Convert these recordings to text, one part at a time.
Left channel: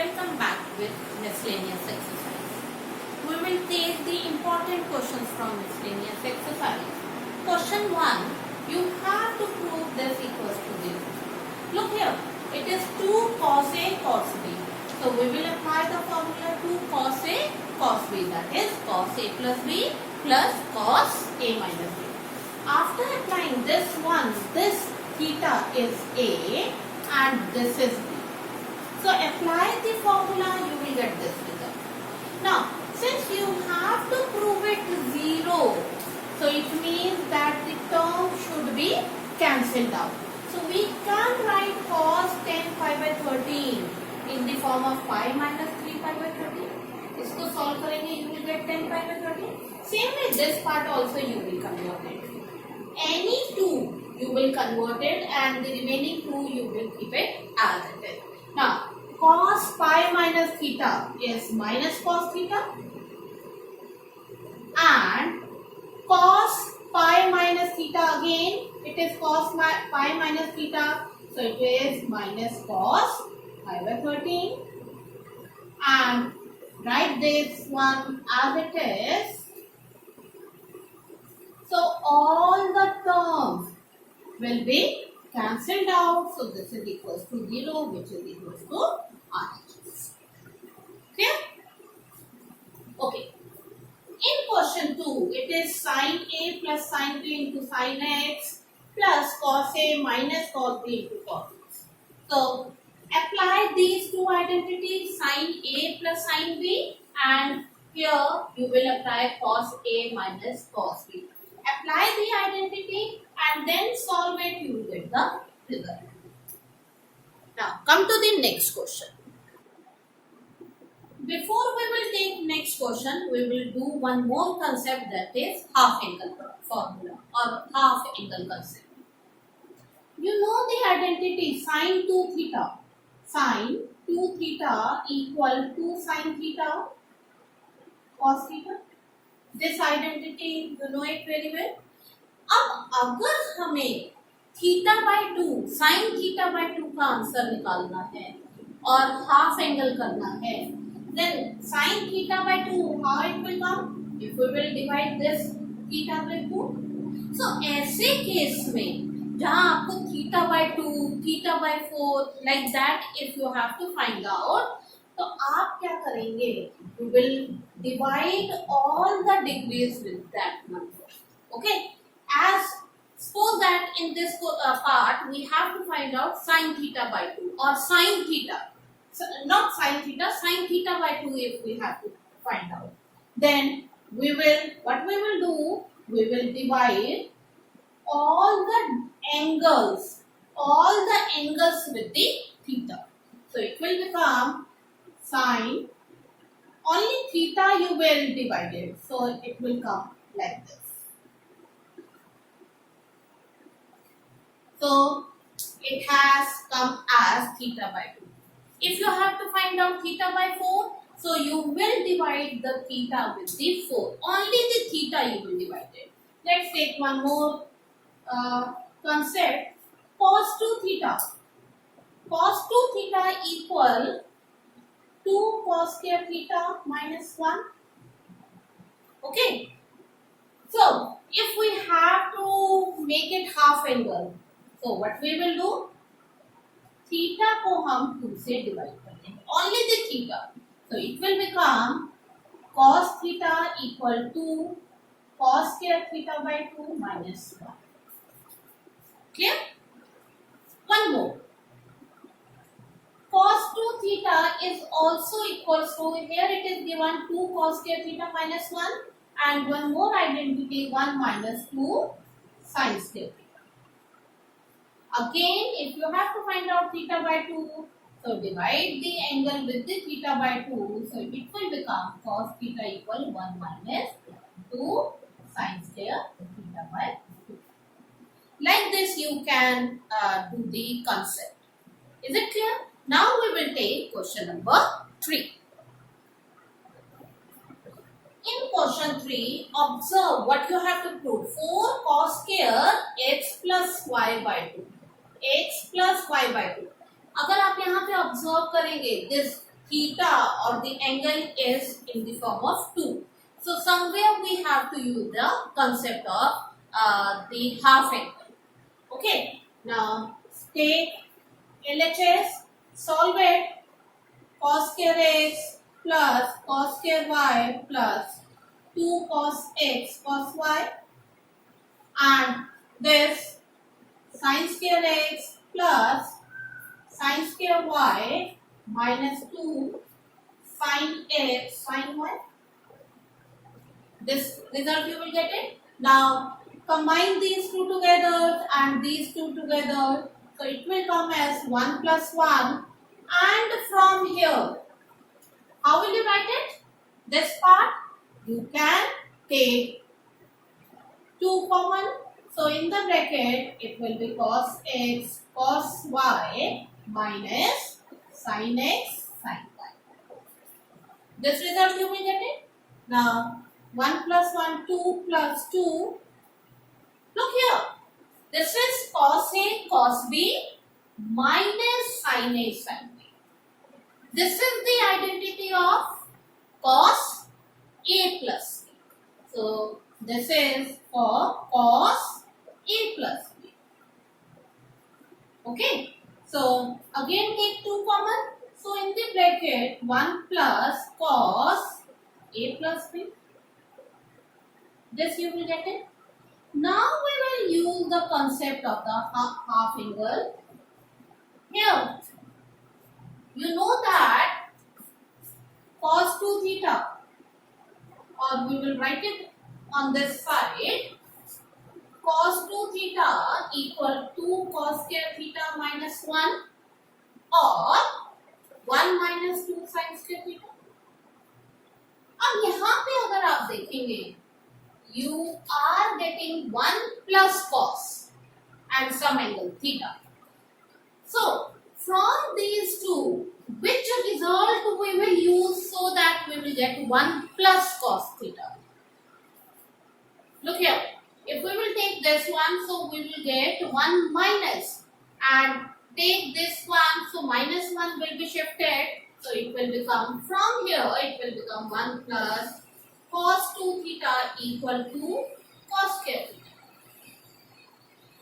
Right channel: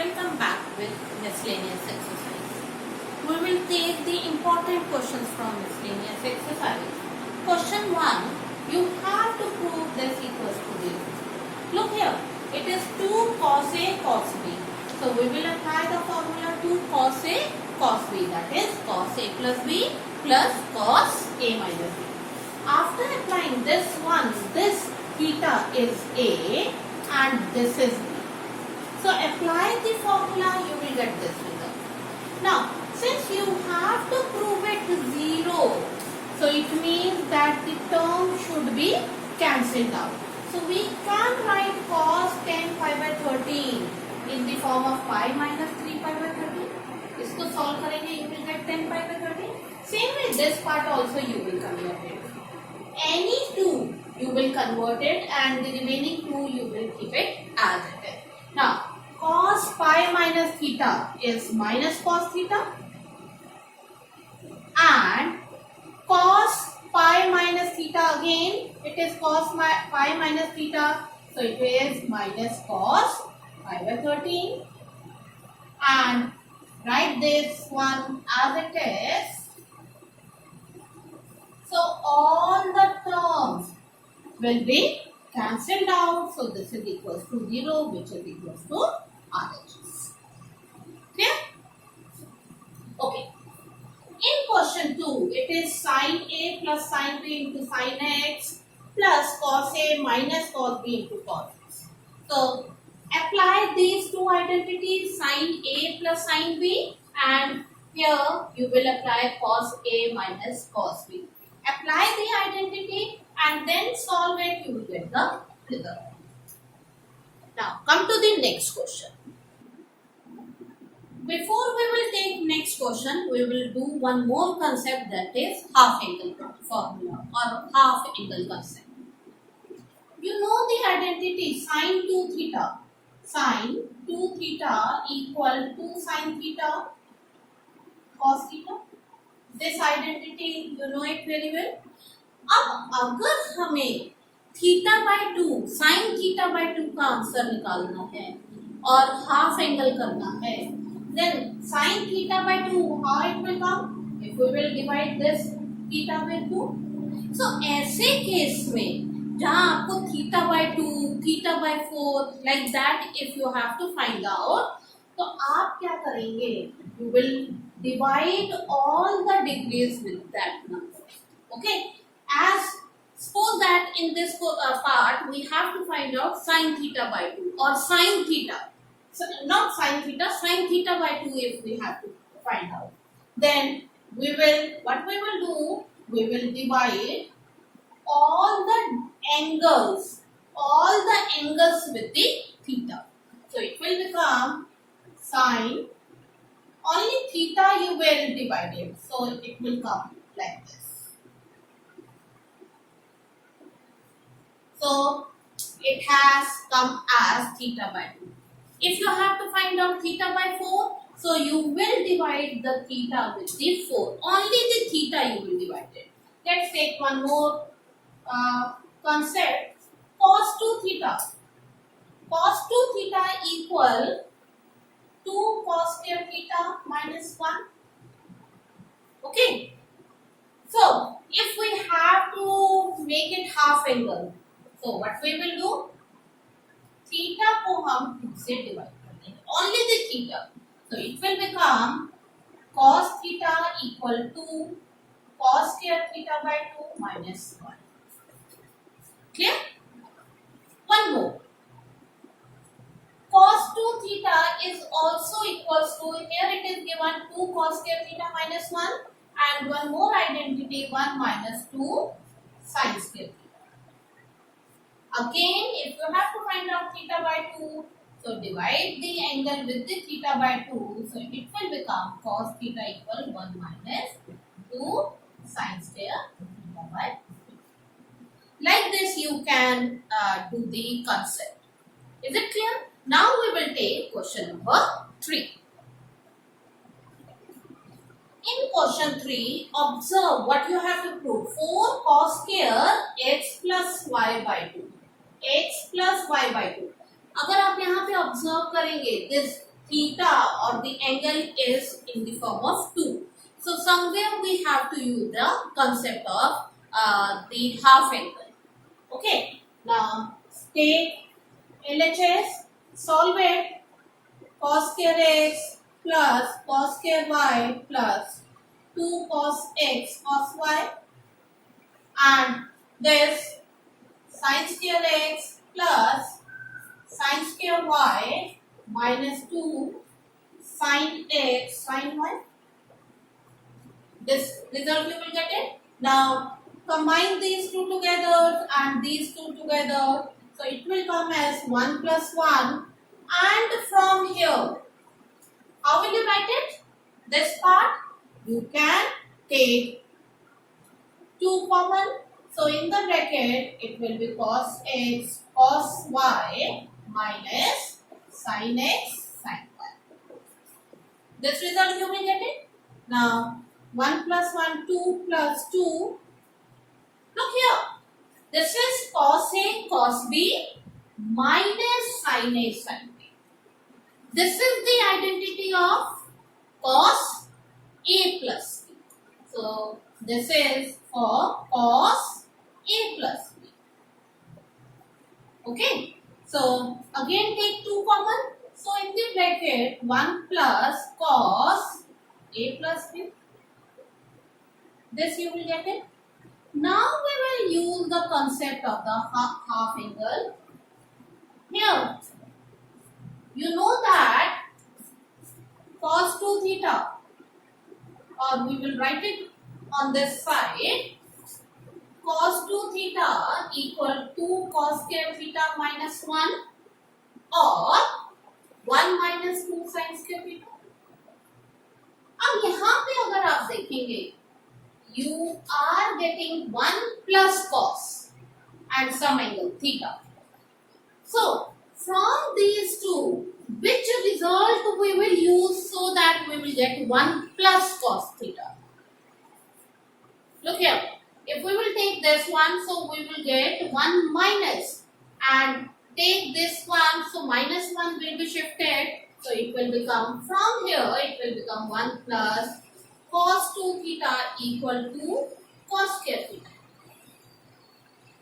welcome back with miscellaneous exercise. We will take the important questions from miscellaneous exercise. Question 1, you have to prove this equals to this. Look here, it is 2 cos A cos B. So we will apply the formula 2 cos A cos B, that is cos A plus B plus cos A minus B. After applying this one, this theta is A and this is B. So apply the formula, you will get this result. Now, since you have to prove it 0, so it means that the term should be cancelled out. So we can write cos 10 pi by 13 in the form of pi minus 3 pi by 13. इसको solve करेंगे, you will get 10 pi by 13. Same way this part also you will convert it. Any 2 you will convert it and the remaining 2 you will keep it as it is. Now, cos pi minus theta is minus cos theta and cos pi minus theta again it is cos pi minus theta, so it is minus cos pi by 13 and write this one as it is. So all the terms will be cancelled out. So this is equals to 0, which is equals to RHS. Clear? Okay. In question 2, it is sin A plus sin B into sin X plus cos A minus cos B into cos X. So apply these two identities, sin A plus sin B, and here you will apply cos A minus cos B. Apply the identity and then solve it, you will get the result. Now come to the next question. Before we will take next question, we will do one more concept, that is half angle formula or half angle concept. You know the identity sin 2 theta. Sin 2 theta equal to sin theta cos theta. This identity you know it very well. अब अगर हमें theta by 2 sine theta by 2 का answer निकालना है और half angle करना है, then sin theta by 2 how it will come? If we will divide this theta by 2. So ऐसे केस में जहाँ आपको theta by 2, theta by 4 like that if you have to find out, तो आप क्या करेंगे? You will divide all the degrees with that number. Okay? As suppose that in this part we have to find out sin theta by 2 or sin theta. So not sin theta by 2 if we have to find out. Then we will, what we will do, we will divide all the angles with the theta. So it will become sin, only theta you will divide it. So it will come like this. So it has come as theta by 2. If you have to find out theta by 4, so you will divide the theta with the 4. Only the theta you will divide it. Let's take one more concept. Cos 2 theta. Cos 2 theta equal 2 cos square theta minus 1. Okay. So if we have to make it half angle, so what we will do? Theta को हम 2 से divide कर देंगे, only the theta. So it will become cos theta equal to cos square theta by 2 minus 1. Clear? One more. Cos 2 theta is also equals to, here it is given 2 cos square theta minus 1 and one more identity 1 minus 2 sin square theta. Again, if you have to find out theta by 2, so divide the angle with the theta by 2. So it will become cos theta equal 1 minus 2 sin square theta by 2. Like this you can do the concept. Is it clear? Now we will take question number 3. In question 3, observe what you have to prove. 4 cos square x plus y by 2. x plus y by 2. अगर आप यहाँ पे observe करेंगे this theta or the angle is in the form of 2. So somewhere we have to use the concept of the half angle. Okay. Now take LHS, solve it. Cos square x plus cos square y plus 2 cos x cos y, and this sin square x plus sin square y minus 2 sin x sin y. This result you will get it. Now combine these two together and these two together. So it will come as 1 plus 1. And from here, how will you write it? This part, you can take 2 common. So in the bracket, it will be cos x cos y minus sin x sin y. This result you will get it. Now 1 plus 1, 2 plus 2. Look here. This is cos A cos B minus sin A sin B. This is the identity of cos A plus B. So this is for cos A plus B. Okay. So again take 2 common. So in the bracket 1 plus cos A plus B. This you will get it. Now we will use the concept of the half angle. Here, you know that cos 2 theta, or we will write it on this side, cos 2 theta equal to cos square theta minus 1 or 1 minus 2 sin square theta. अब यहाँ पे अगर आप देखेंगे, you are getting 1 plus cos and some angle theta. So from these two, which result we will use so that we will get 1 plus cos theta? Look here. If we will take this one, so we will get 1 minus, and take this one, so minus 1 will be shifted. So it will become, from here, it will become 1 plus cos 2 theta equal to cos square theta.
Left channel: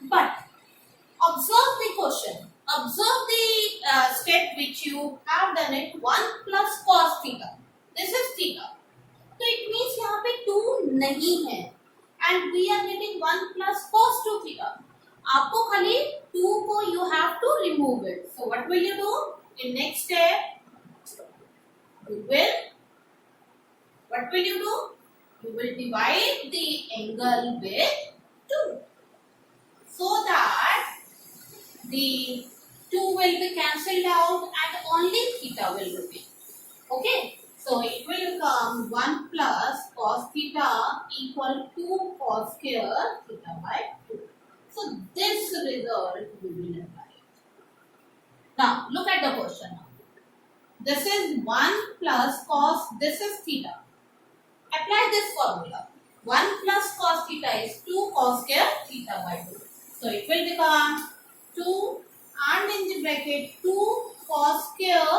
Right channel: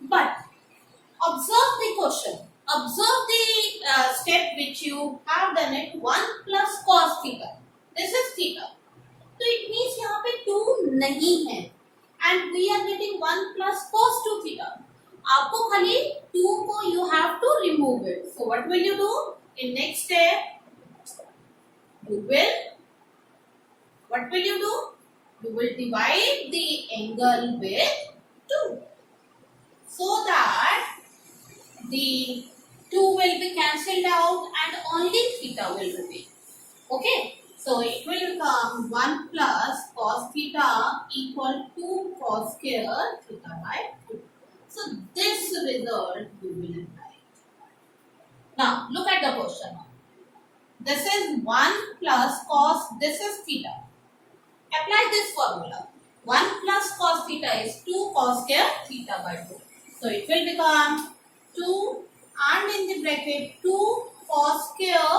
But observe the question. Observe the step which you have done it. 1 plus cos theta. This is theta. So it means यहाँ पे 2 नहीं है. And we are getting 1 plus cos 2 theta. आपको खाली 2 को you have to remove it. So what will you do? In next step, what will you do? You will divide the angle with 2. So that the 2 will be cancelled out and only theta will remain. Okay. So it will become 1 plus cos theta equal to cos square theta by 2. So this result we will apply. Now look at the question. This is 1 plus cos, this is theta. Apply this formula. 1 plus cos theta is 2 cos square theta by 2. So it will become 2 and in the bracket 2 cos square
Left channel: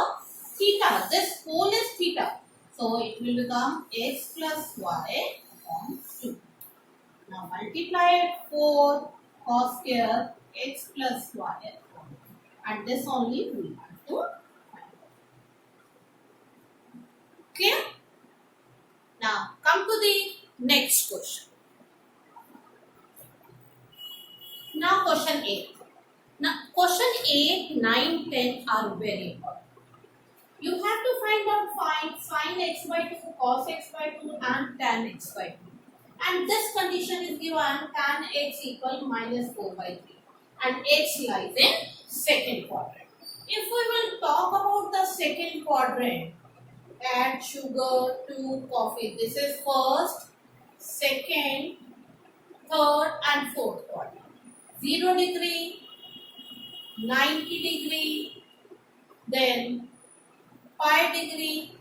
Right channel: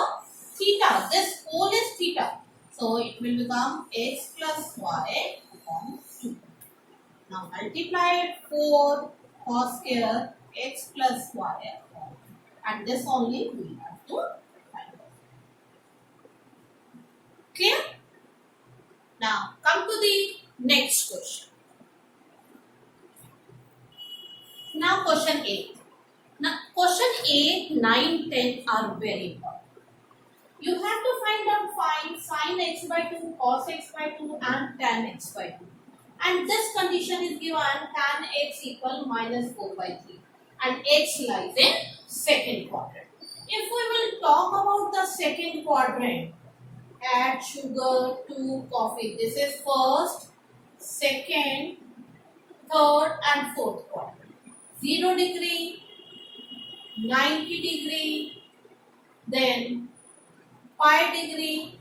theta. This whole is theta. So it will become x plus y upon 2. Now multiply it 4 cos square x plus y upon 2. And this only we have to find out. Clear? Now come to the next question. Now question 8. Now question 8, 9, 10 are very important. You have to find sin x by 2, cos x by 2 and tan x by 2. And this condition is given tan x equal minus 4 by 3. And x lies in second quadrant. If we will talk about the second quadrant, add sugar to coffee. This is first, second, third and fourth quadrant. 0 degree, 90 degree, then pi degree,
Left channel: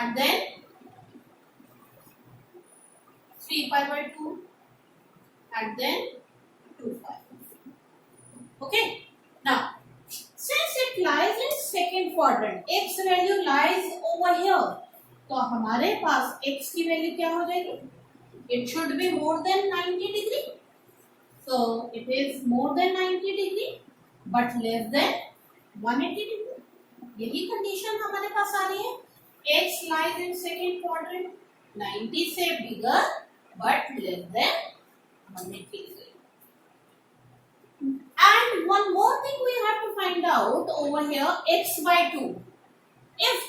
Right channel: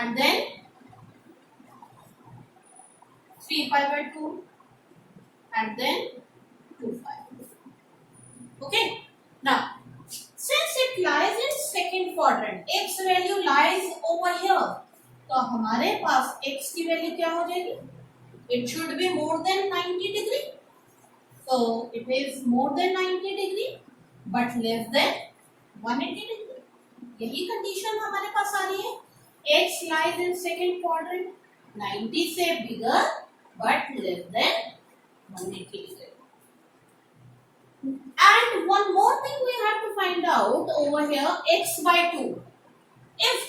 and then 3 pi by 2, and then 2 pi. Okay. Now, since it lies in second quadrant, x value lies over here, तो हमारे पास x की value क्या हो जाएगी? It should be more than 90 degree, so it is more than 90 degree but less than 180 degree. यही condition हमारे पास आ रही है. x lies in second quadrant, 90 से bigger but less than 180 degree. And one more thing we have to find out over here, x by 2. If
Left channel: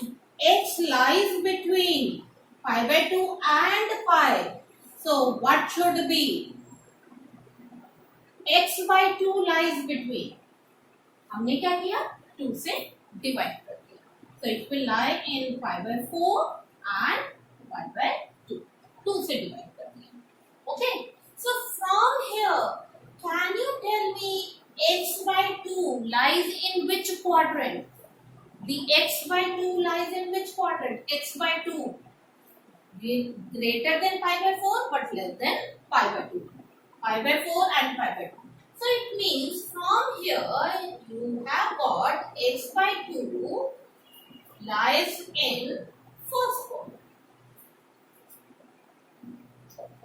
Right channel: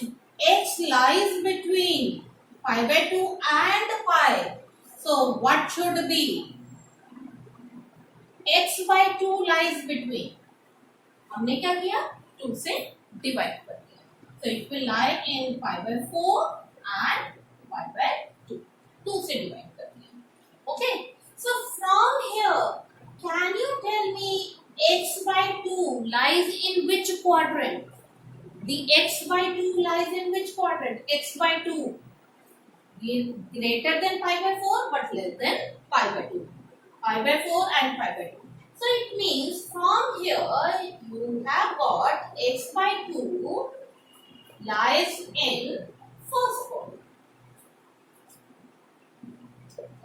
x lies between pi by 2 and pi, so what should be? x by 2 lies between, हमने क्या किया? 2 से divide कर दिया, so it will lie in pi by 4 and pi by 2. 2 से divide कर दिया. Okay, so from here can you tell me x by 2 lies in which quadrant? The x by 2 lies in which quadrant? X by 2 greater than pi by 4 but less than pi by 2. Pi by 4 and pi by 2. So it means from here you have got x by 2 lies in first quadrant.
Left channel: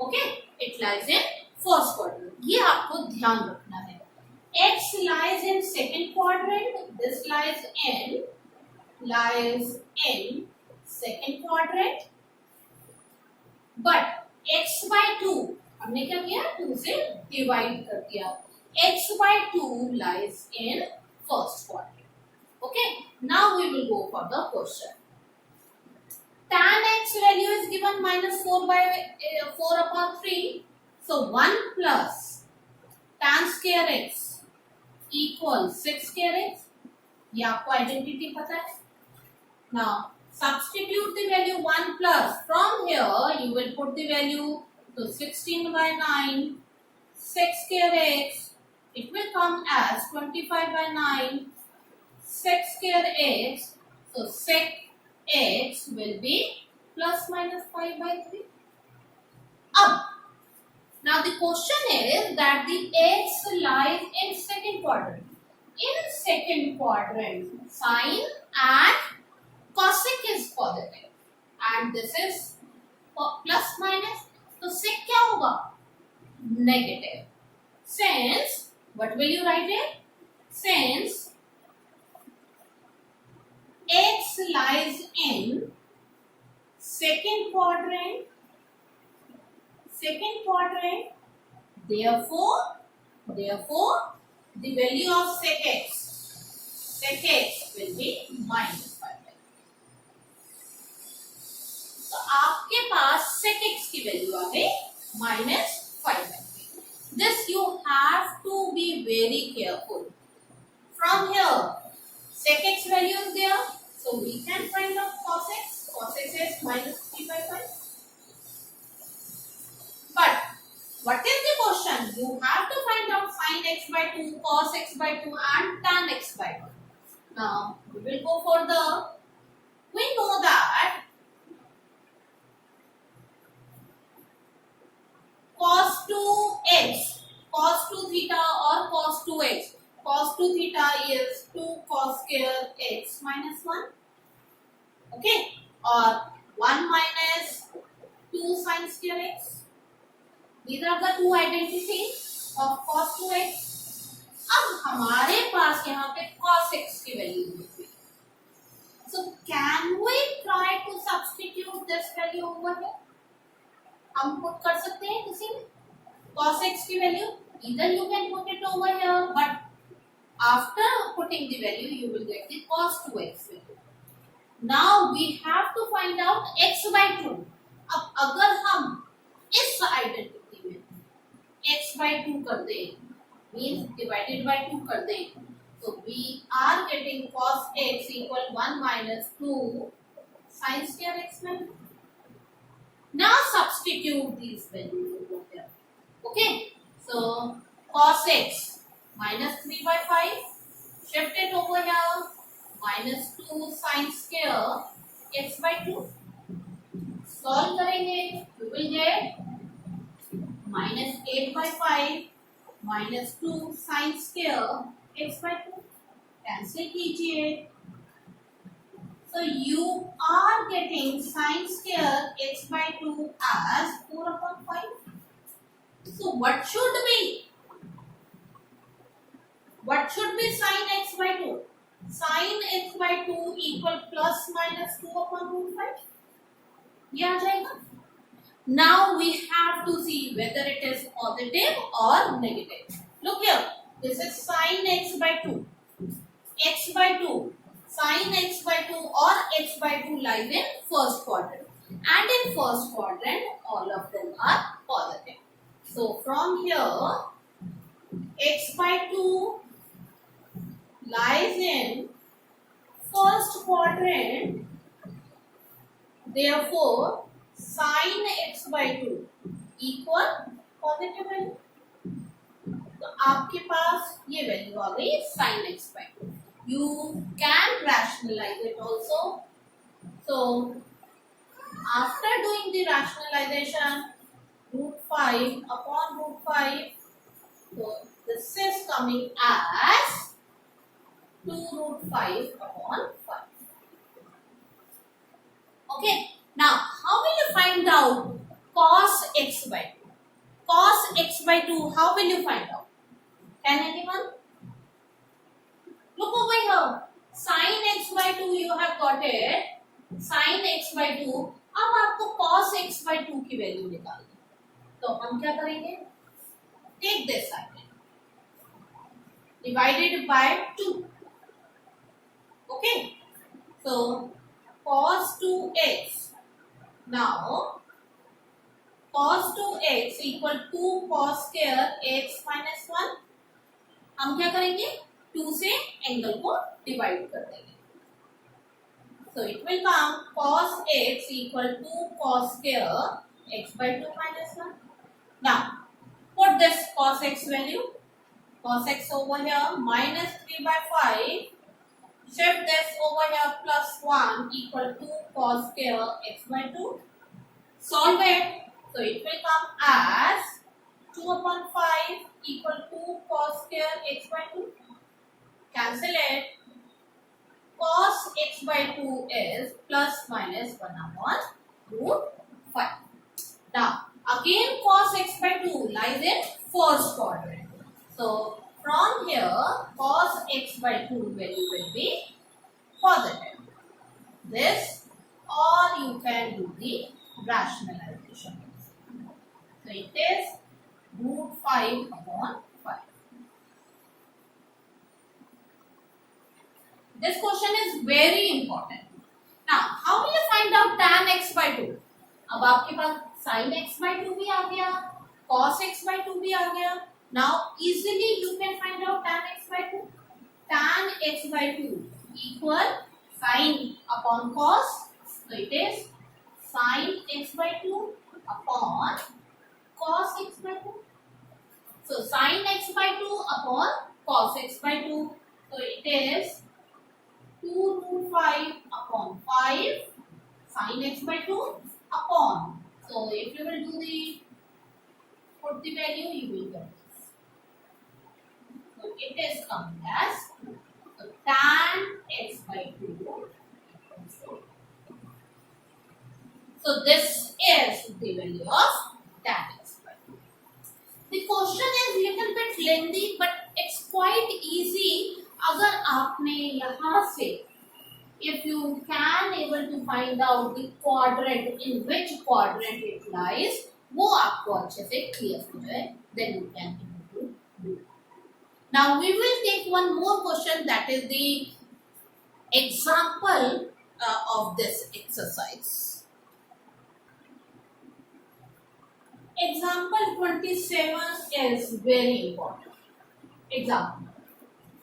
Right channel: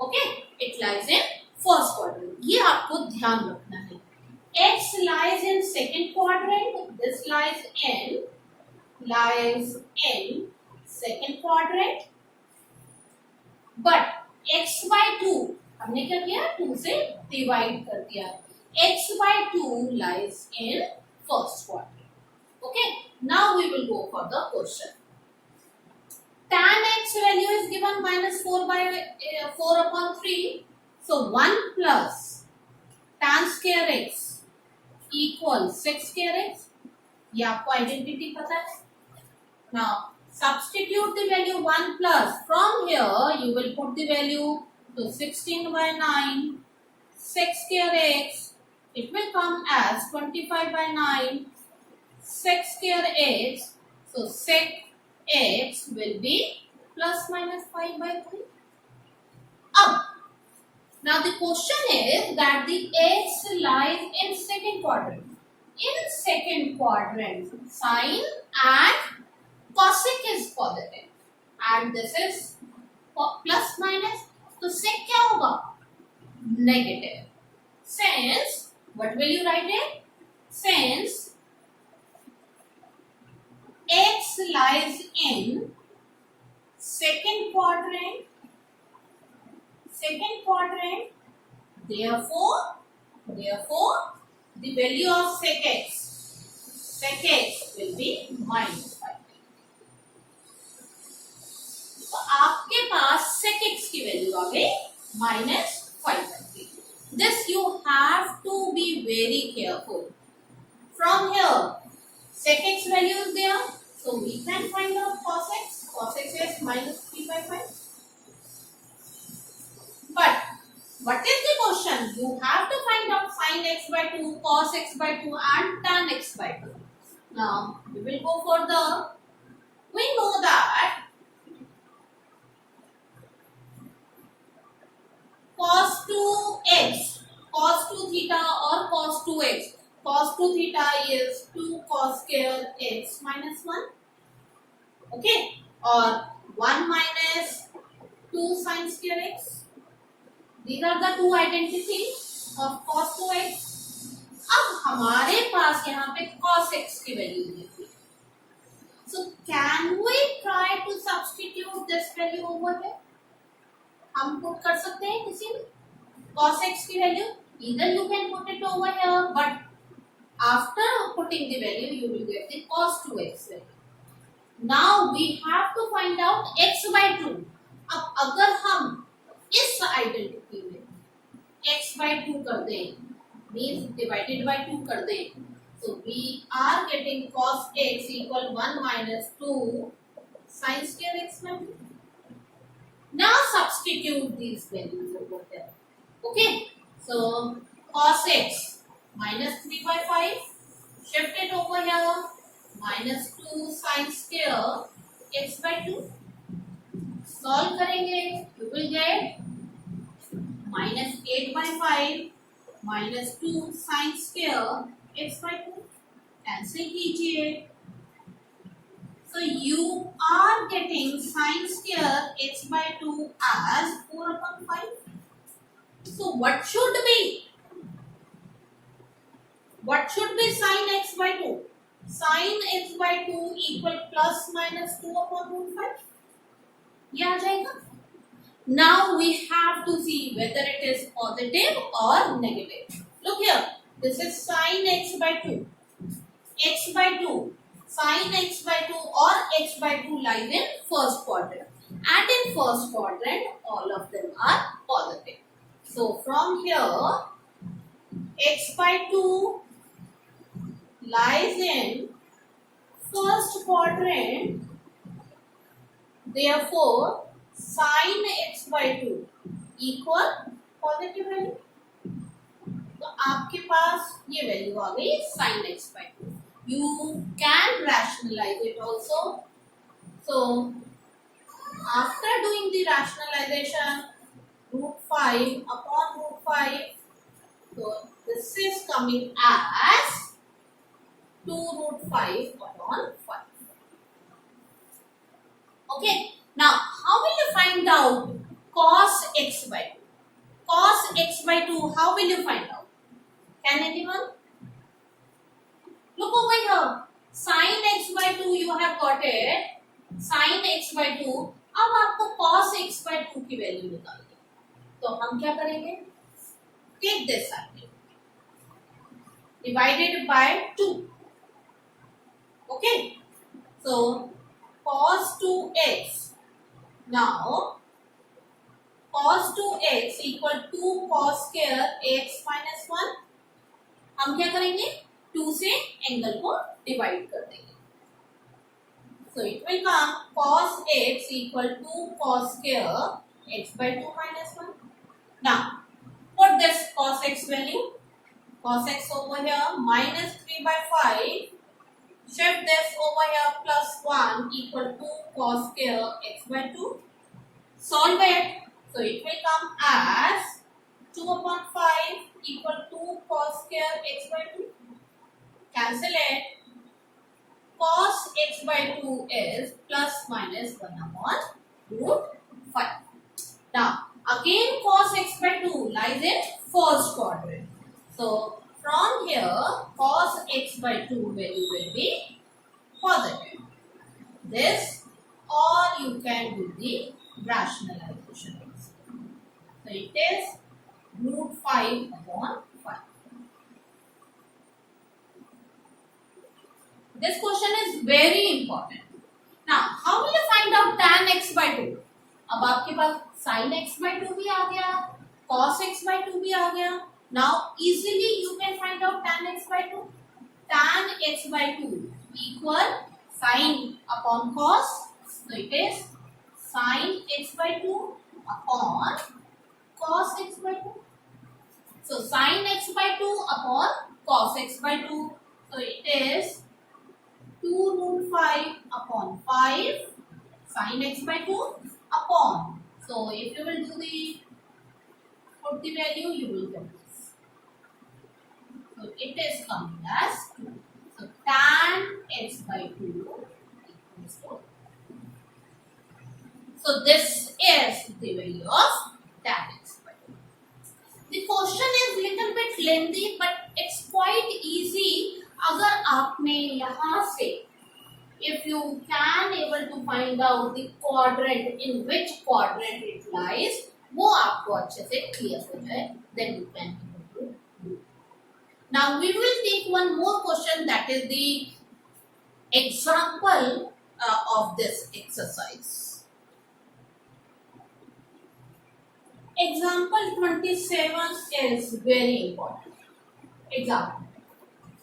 Okay, it lies in first quadrant. ये आपको ध्यान रखना है. X lies in second quadrant. This lies in second quadrant. But x by 2 हमने क्या किया? 2 से divide कर दिया. x by 2 lies in first quadrant. Okay, now we will go for the question. Tan x value is given -4 by 4 upon 3. So 1 plus tan square x equals 6 square x. ये आपको identity पता है. Now substitute the value 1 plus. From here you will put the value to 16 by 9, 6 square x. It will come as 25 by 9, 6 square x. So 6 x will be plus minus 5 by 3. Now the question is that the x lies in second quadrant. In second quadrant, sine and cosec is positive and this is plus minus. तो sec क्या होगा? Negative. Since what will you write it? Since x lies in second quadrant, therefore the value of sec x will be minus 5. तो आपके पास sec x की value आ गई -5/3. This you have to be very careful. From here, sec x value is there, so we can find out cos x. Cos x is -3/5. But what is the question? You have to find out sin x by 2, cos x by 2 and tan x by 2. Now we will go further. We know that cos 2x, cos 2 theta or cos 2x. Cos 2 theta is 2 cos square x minus 1. Okay, or 1 minus 2 sin square x. These are the two identities of cos 2x. अब हमारे पास यहाँ पे cos x की value दी थी. So can we try to substitute this value over here? हम put कर सकते हैं किसी में cos x की value. Either you can put it over here, but after putting the value you will get the cos 2x value. Now we have to find out x by 2. अब अगर हम इस आइडेंटिटी में x by 2 कर दें, means divided by 2 कर दें, so we are getting cos x equal 1 minus 2 sin square x by 2. Now substitute these values over here. Okay, so cos x -3/5, shift it over here, -2 sin square x by 2. Solve करेंगे, you will get -8/5 -2 sin square x by 2. Cancel कीजिए, So you are getting sine square x by 2 as 4 upon 5. So what should be sine x by 2? Sine x by 2 equal plus minus 2 upon root 5. ये आ जाएगा. Now we have to see whether it is positive or negative. Look here. This is sine x by 2. X by 2. Sine x by 2 or x by 2 lies in first quadrant. And in first quadrant, all of them are positive. So from here, x by 2 lies in first quadrant. Therefore, sine x by 2 equal positive value. तो आपके पास ये value आ गई sin x by 2. You can rationalize it also. So after doing the rationalization, root 5 upon root 5, so this is coming as 2 root 5 upon 5. Okay. Now, how will you find out cos x by 2? Cos x by 2, how will you find out? Can anyone? Look over here. Sin x by 2 you have got it. Sin x by 2. अब आपको cos x by 2 की value निकालनी. तो हम क्या करेंगे? Take this side. Divided by 2. Okay. So, cos 2x. Now, cos 2x equal to cos square x minus 1. हम क्या करेंगे? 2 से एंगल को डिवाइड कर देंगे. So it will come cos x equal to cos square x by 2 minus 1. Now, put this cos x value. Cos x over here minus 3 by 5. Shift this over here plus 1 equal to cos square x by 2. Solve it. So it will come as 2 upon 5 equal to cos square x by 2. Cancel it. Cos x by 2 is plus minus 1 upon root 5. Now, again cos x by 2 lies in first quadrant. So, from here, cos x by 2 value will be positive. This, or you can do the rationalization. So, it is root 5 upon 5. This question is very important. Now, how will you find out tan x by 2? अब आपके पास sin x by 2 भी आ गया, cos x by 2 भी आ गया. Now, easily you can find out tan x by 2. Tan x by 2 equal sin upon cos. So, it is sin x by 2 upon cos x by 2. So, sin x by 2 upon cos x by 2. So, it is 2 root 5 upon 5 sin x by 2 upon. So, if you will do put the value, you will get this. So, it is coming as 2. So, tan x by 2 equals to. So, this is the value of tan x by 2. The question is little bit lengthy, but it's quite easy. अगर आपने यहाँ से if you can able to find out the quadrant in which quadrant it lies, वो आपको अच्छे से clear हो जाए, then you can able to do. Now we will take one more question, that is the example of this exercise. Example 27 is very important. Example.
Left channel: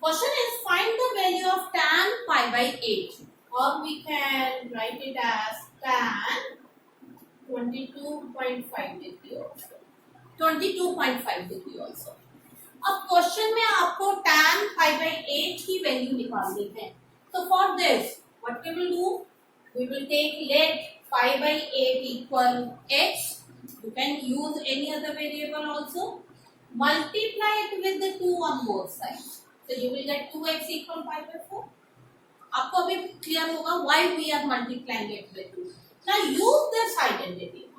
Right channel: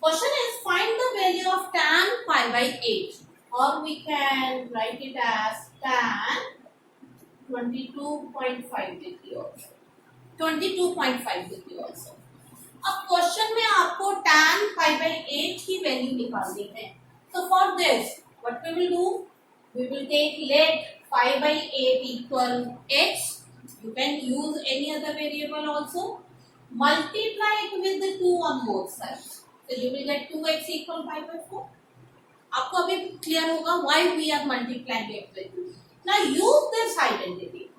Question is find the value of tan pi by 8, or we can write it as tan 22.5 degree also. 22.5 degree also. अब question में आपको tan pi by 8 की value निकालनी है. So for this, what we will do? We will take let pi by 8 equal x. You can use any other variable also. Multiply it with the 2 on both sides. So you will get 2x equal pi by 4. आपको अभी clear होगा why we are multiplying it with 2. Now use this identity.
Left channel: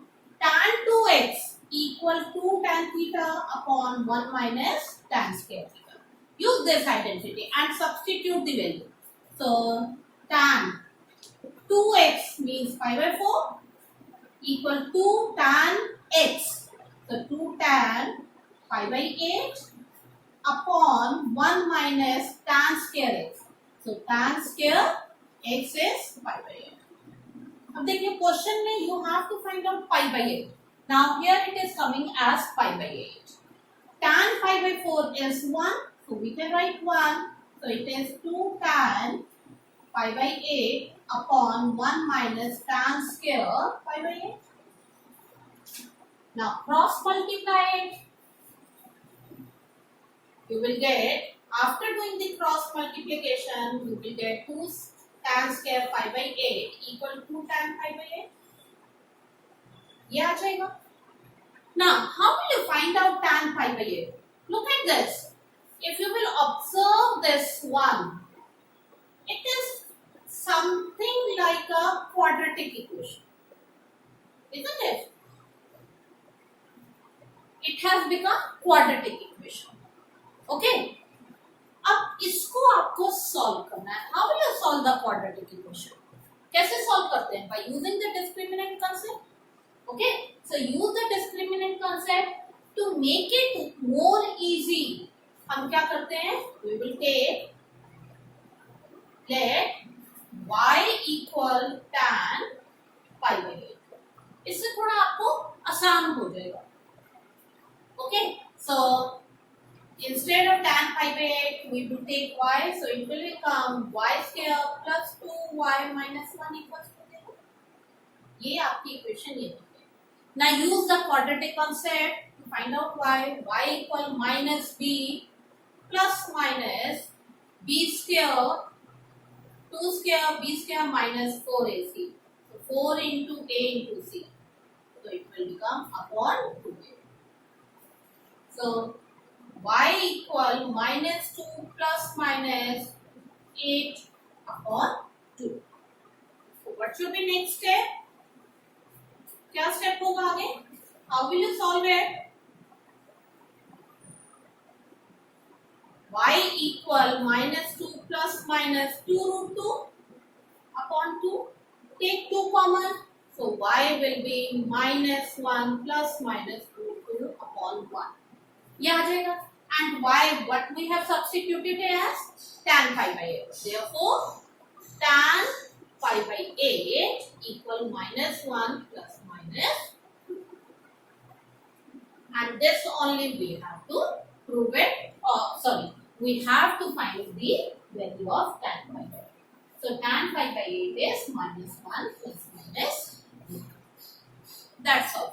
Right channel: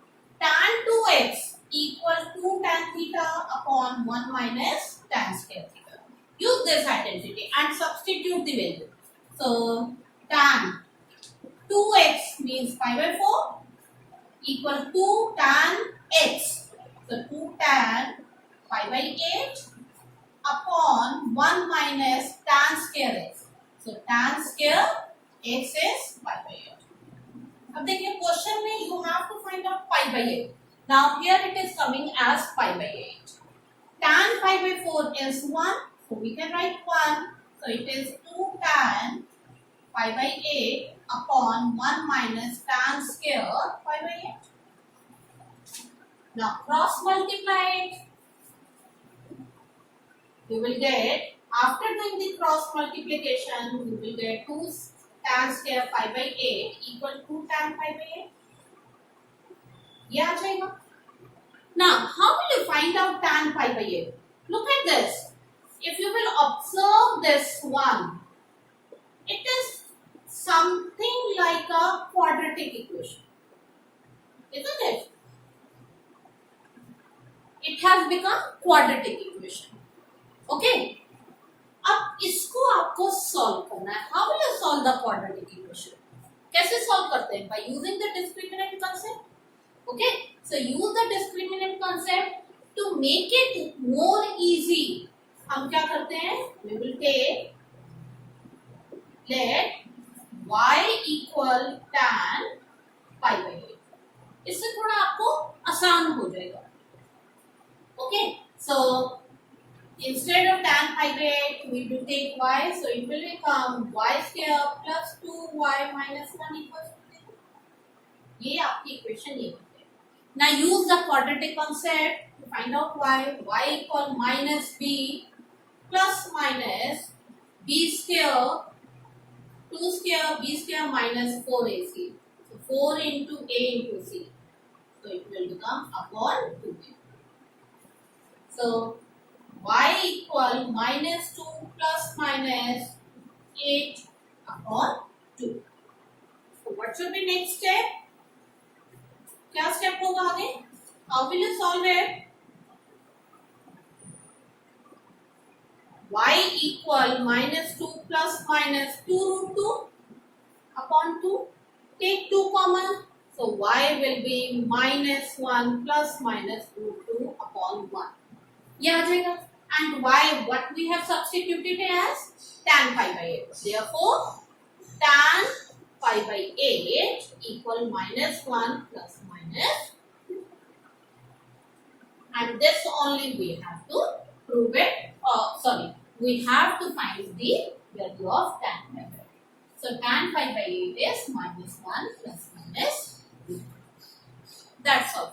Tan 2x equal to tan theta upon 1 minus tan square theta. Use this identity and substitute the value. So tan 2x means pi by 4 equal to tan x. So 2 tan pi by 8 upon 1 minus tan square x. So tan square x is pi by 8. अब देखिए question में you have to find out pi by 8. Now here it is coming as pi by 8. Tan pi by 4 is 1. So we can write 1. So it is 2 tan pi by 8 upon 1 minus tan square pi by 8. Now cross multiply it. You will get, after doing the cross multiplication, you will get 2 tan square pi by 8 equal to tan pi by 8. ये आ जाएगा. Now, how will you find out tan pi by 8? Look at this. If you will observe this one, it is something like a quadratic equation, isn't it? It has become quadratic equation. Okay? अब इसको आपको solve करना है. How will you solve the quadratic equation? कैसे solve करते हैं? By using the discriminant concept. Okay, so use the discriminant concept to make it more easy. हम क्या करते हैं? We will take let y equal tan pi by 8. इससे थोड़ा आपको आसान हो जाएगा. Okay, so instead of tan pi by 8, we will take y. So it will become y square plus 2y minus 1 equals to 0. ये आपकी equation ये होती है. Now use the quadratic concept to find out y. Y equal minus b plus minus b square 2 square b square minus 4ac. So 4 into a into c. So it will become upon 2a. So y equal minus 2 plus minus 8 upon 2. So what should be next step? क्या step होगा आगे? How will you solve it? Y equal minus 2 plus minus 2 root 2 upon 2. Take 2 common. So y will be minus 1 plus minus root 2 upon 1. ये आ जाएगा. And y, what we have substituted as tan pi by 8. Therefore, tan pi by 8 equal minus 1 plus minus 2. And this only we have to prove it. We have to find the value of tan pi by 8. So tan pi by 8 is minus 1 plus minus 2. That's all.